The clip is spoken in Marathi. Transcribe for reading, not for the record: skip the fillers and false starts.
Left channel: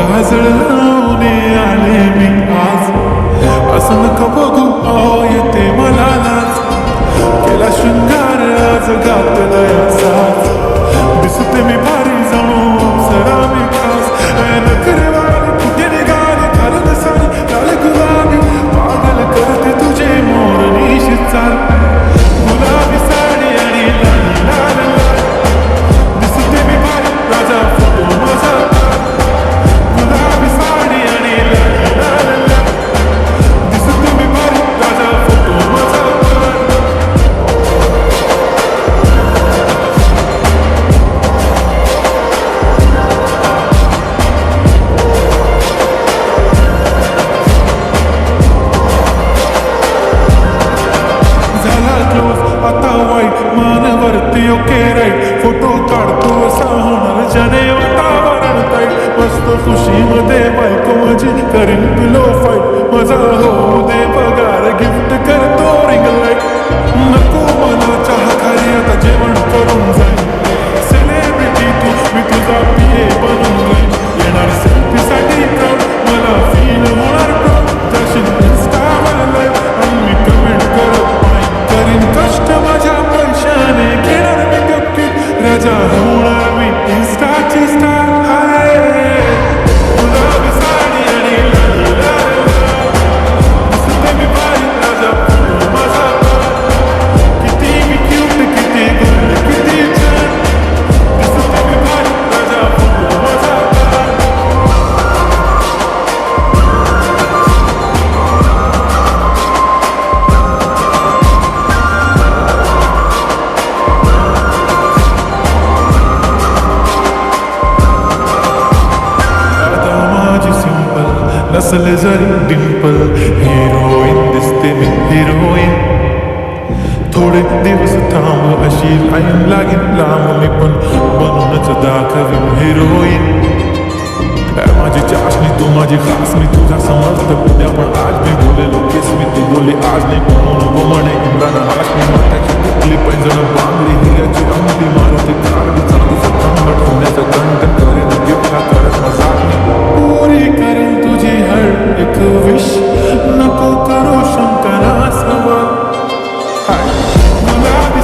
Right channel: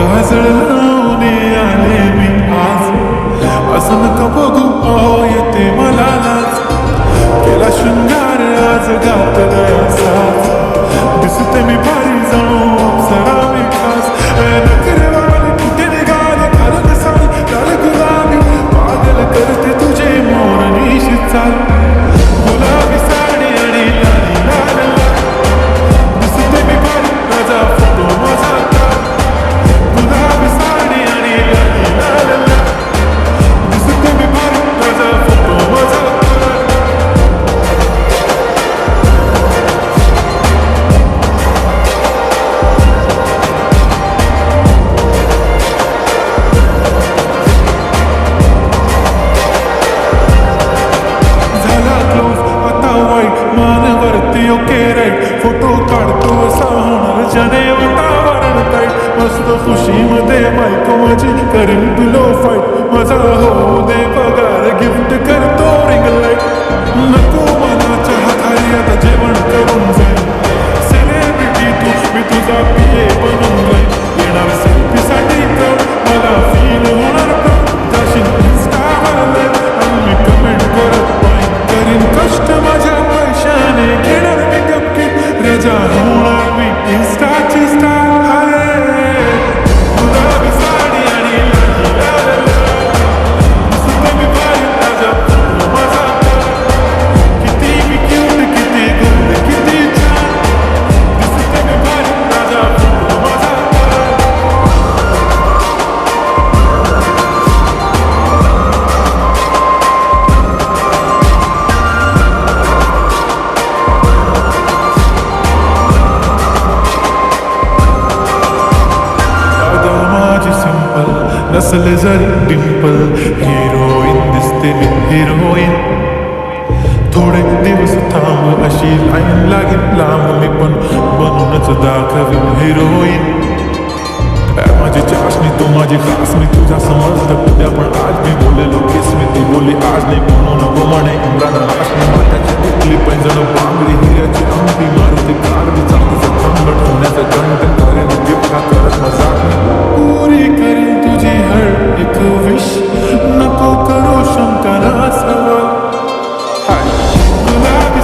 काजळ लावून आले मी आज, असं नका बघू अहो येते मला लाज. केला शृंगार आज घातलाय असाच, दिसते मी भारी जणू अप्सरा मी खास. नखरेवाली कुठे निघाली घालून साडी लाल गुलाबी, पागल करते तुझे मोरनीशी चाल. गुलाबी साडी आणि लाली लाल लाल, दिसते मी भारी राजा फोटो माझा काढ. गुलाबी साडी आणि लाली लाल लाल, दिसते मी भारी राजा फोटो माझा काढ. झाला क्लोज आता वाईट मानवरती ओके राईट, फोटो काढतो असा होणार ज्याने वातावरण ताईट. मस्त खुशीमध्ये बायको माझी करीन पिलो फाईट, माझा होऊ दे पगार गिफ्ट करतो रिंग लाईट. नको मला चहा खाली आता जेवण करून जाईल, सेलिब्रिटी तू मी तुझा पिये बनून राहील. येणार सेल्फी साठी प्राऊड मला फील होणार प्राऊड, जाशील इन्स्टावर लाईव्ह आणि मी कमेंट करत करीन कष्ट माझ्या पैशाने, घेणार मी गपकीट राजा होणार मी इन्स्टाची स्टार. हाय गुलाबी साडी आणि लाली लाल लाल, दिसते मी भारी राजा फोटो माझा काढ. किती मी क्यूट किती गोड किती छान, दिसते मी भारी राजा फोटो माझा काढ. नसले जरी डिंपल, हिरोईन दिसते मी हिरोईन. थोडे दिवस थांब अशी लाईन लागेल लांब, मी पण बनूनच दाखवीन हिरोईन. माझी चाशनी तू माझी खास, मी तुझा समर्थक उद्या पण आज मी बोलेलो केस मी ती बोली आज नाही. म्हणून म्हणे इम्रान हाशमी, माथ्याची टिकली पैंजण बांगडी हिऱ्याची अंगठी, मारुती कार बी चांदीचं कंगण, सोन्याचं कंटन करेन गिफ्ट हा करत मजाक मी. पुरी करीन तुझी हर एक विश, नको करू शंका ना सवाल. हाय गुलाबी